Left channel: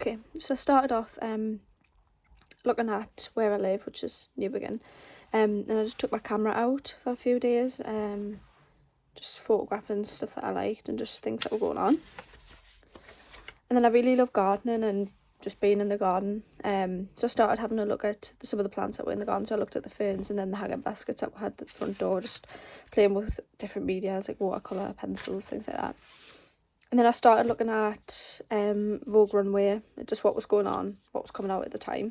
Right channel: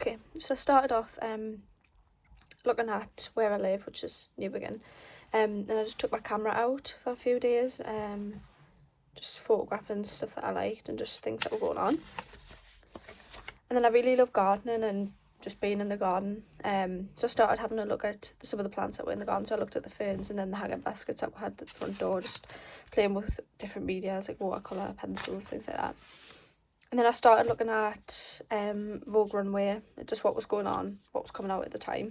Okay, so I started off looking at where I live, which is Newbiggin. And I just took my camera out for a few days, just photographing stuff that I liked and just things that were going on. And then I really love gardening and just being in the garden. So I started having a look at some of the plants that were in the garden. So I looked at the ferns and then the hanging baskets that had at the front door, just playing with different media like watercolour, pencils, things like that. And then I started looking at Vogue Runway, just what was going on, what was coming out at the time.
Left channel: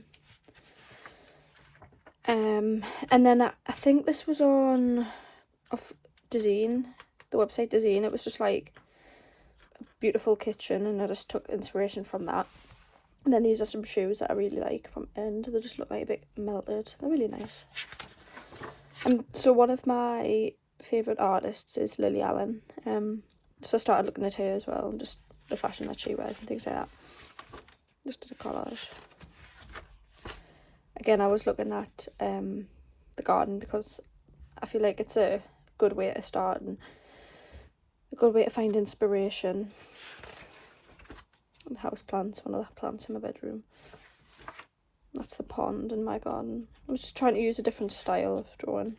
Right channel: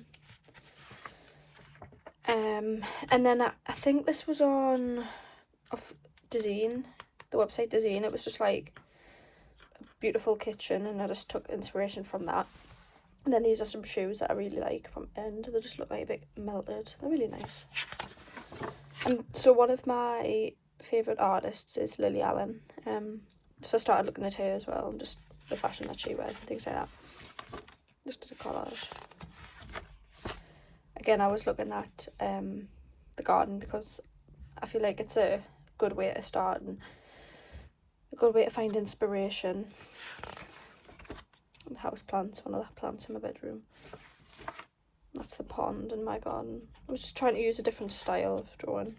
And then I think this was on Dezeen, the website Dezeen. It was just like a beautiful kitchen, and I just took inspiration from that. And then these are some shoes that I really like from End. They just look like a bit melted. They're really nice. So one of my favourite artists is Lily Allen. So I started looking at her as well, and just the fashion that she wears and things like that. Just did a collage. Again, I was looking at the garden because I feel like it's a good way to start and a good way to find inspiration. And house plants, one of the plants in my bedroom. That's the pond in my garden. I was just trying to use a different style of drawing.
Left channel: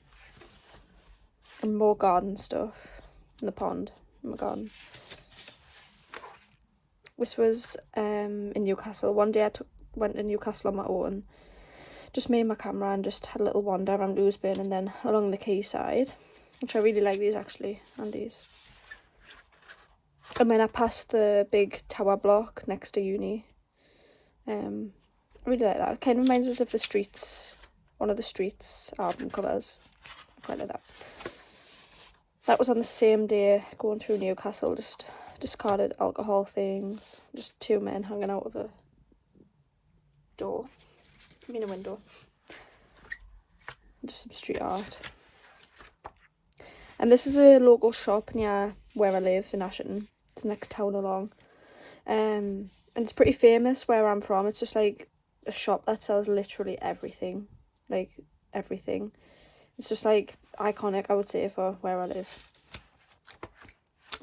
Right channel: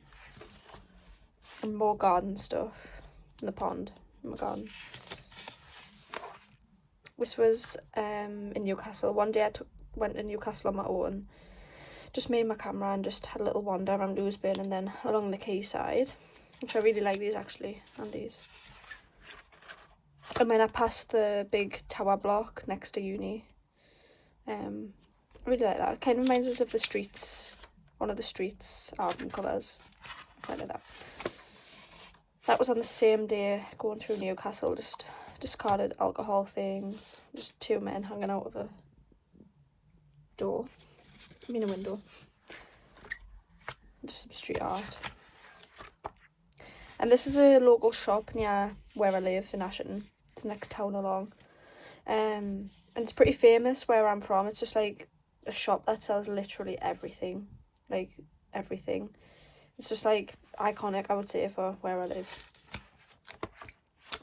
And more garden stuff in the pond in my garden. This was in Newcastle. One day I went to Newcastle on my own. Just me and my camera, and just had a little wander around Ousburn and then along the quayside, which I really like these actually, and these. And then I passed the big tower block next to uni. I really like that. It kind of reminds us of the streets, one of the streets album covers. I quite like that. That was on the same day going through Newcastle, just discarded alcohol things, just two men hanging out of a door. In a window. Just some street art. And this is a local shop near where I live in Ashton. It's the next town along. And it's pretty famous where I'm from. It's just like a shop that sells literally everything. Like everything. It's just like iconic, I would say, for where I live.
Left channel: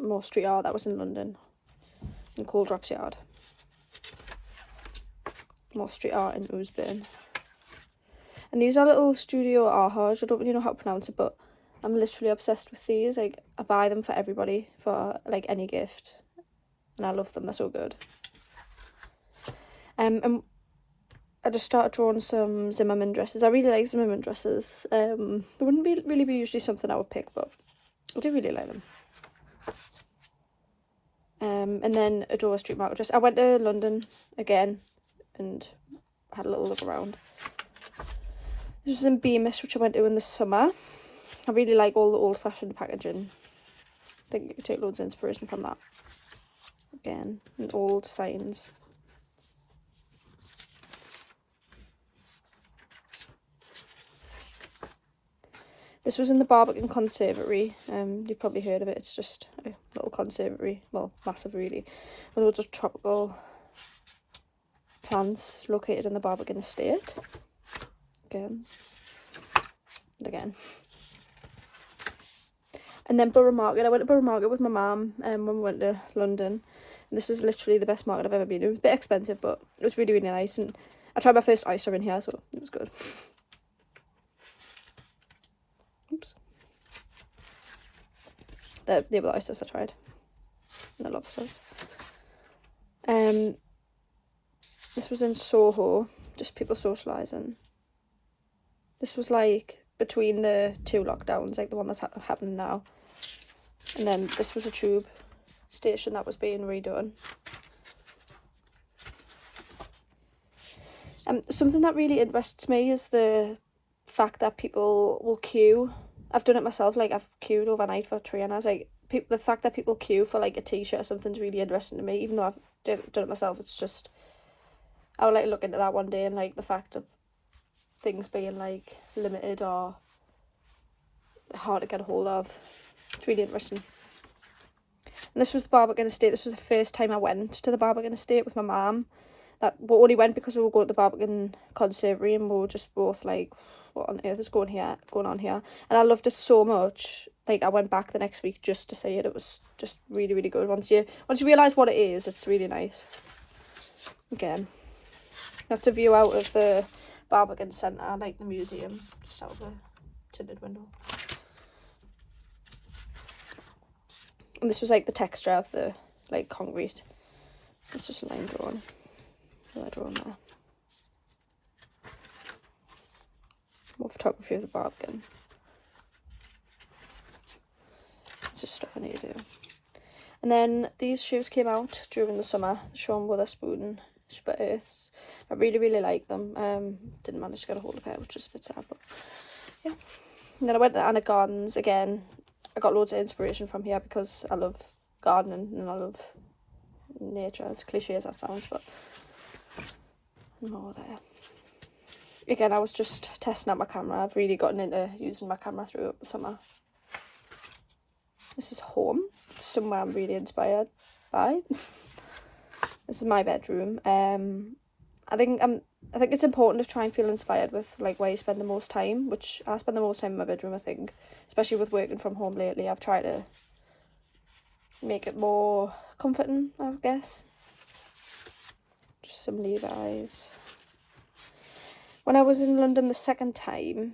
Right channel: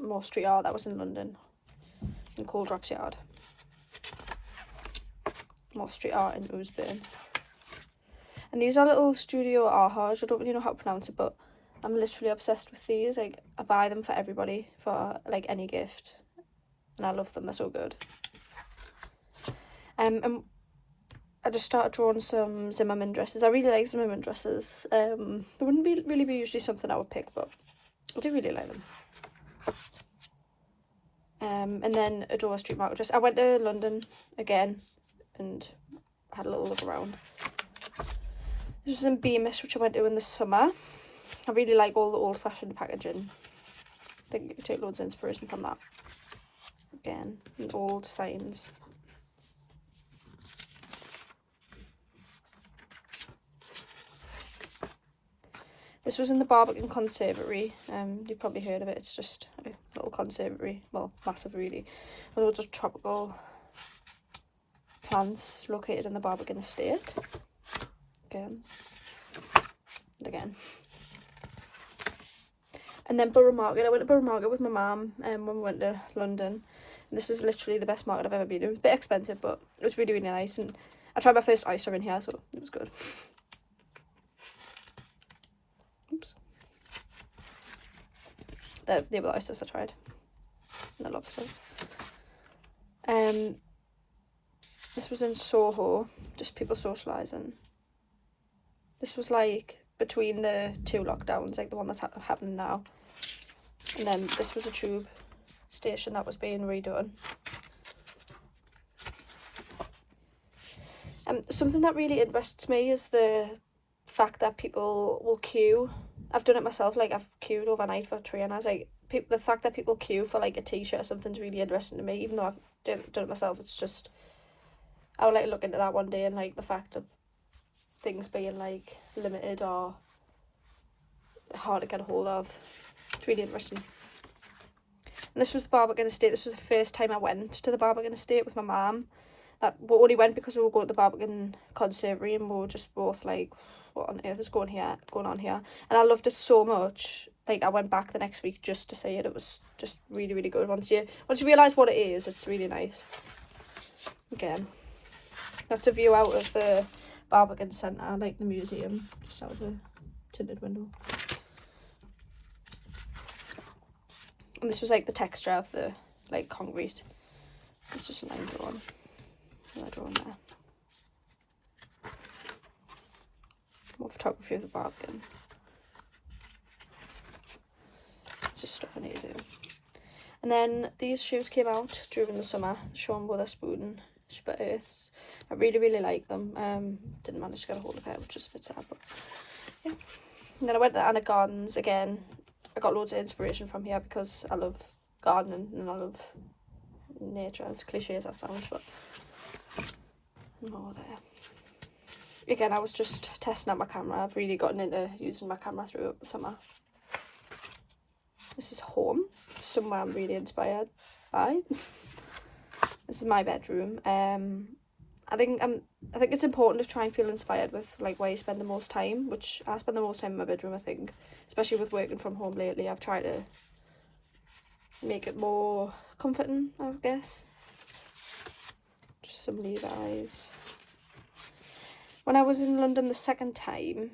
More street art. That was in London. In Coldrops Yard. More street art in Ousburn. And these are little studio artworks. I don't really know how to pronounce it, but I'm literally obsessed with these. Like, I buy them for everybody, for like any gift, and I love them. They're so good. And I just started drawing some Zimmermann dresses. I really like Zimmermann dresses. They wouldn't really be usually something I would pick, but I do really like them. And then a Dover Street Market dress. I went to London again and had a little look around. This was in Beamish, which I went to in the summer. I really like all the old-fashioned packaging. I think you can take loads of inspiration from that. Again, and old signs. This was in the Barbican Conservatory. You've probably heard of it. It's just a little conservatory, well, massive really. And loads of tropical plants located in the Barbican estate. Again. And again. And then Borough Market. I went to Borough Market with my mum when we went to London. And this is literally the best market I've ever been to. It was a bit expensive, but it was really, really nice. And I tried my first oyster in here, so it was good. Oops. They were the oysters I tried. And the lobsters. This was in Soho, just people socialising. This was like between the two lockdowns, like the one that's happening now. And then this was a tube station that was being redone. Something that really interests me is the fact that people will queue. I've done it myself, like I've queued overnight for trainers. Like the fact that people queue for like a t-shirt or something's really interesting to me, even though I've done it myself. It's just, I would like to look into that one day, and like the fact of things being like limited or hard to get a hold of. It's really interesting. And this was the Barbican Estate. This was the first time I went to the Barbican Estate with my mum. We only went because we were going to the Barbican Conservatory, and we were just both like, what on earth is going on here? And I loved it so much. Like I went back the next week just to see it. It was just really, really good. Once you realise what it is, it's really nice. Again, that's a view out of the Barbican Centre, like the museum, just out the tinted window. And this was like the texture of the like concrete. It's just a line drawing. Yeah, drawing there. More photography of the Barbican. Just stuff in here. And then these shoes came out during the summer. Sean Witherspoon Split Earths. I really like them. Didn't manage to get a hold of it, which is a bit sad, but yeah. And then I went to Anna Gardens again. I got loads of inspiration from here because I love gardening and I love nature, as cliche as that sounds, but no, there. Again, I was just testing out my camera. I've really gotten into using my camera throughout the summer. This is home, somewhere I'm really inspired by. This is my bedroom. I think it's important to try and feel inspired with like where you spend the most time, which I spend the most time in my bedroom, I think, especially with working from home lately. I've tried to make it more comforting, I guess. Just some Levi's. When I was in London the second time,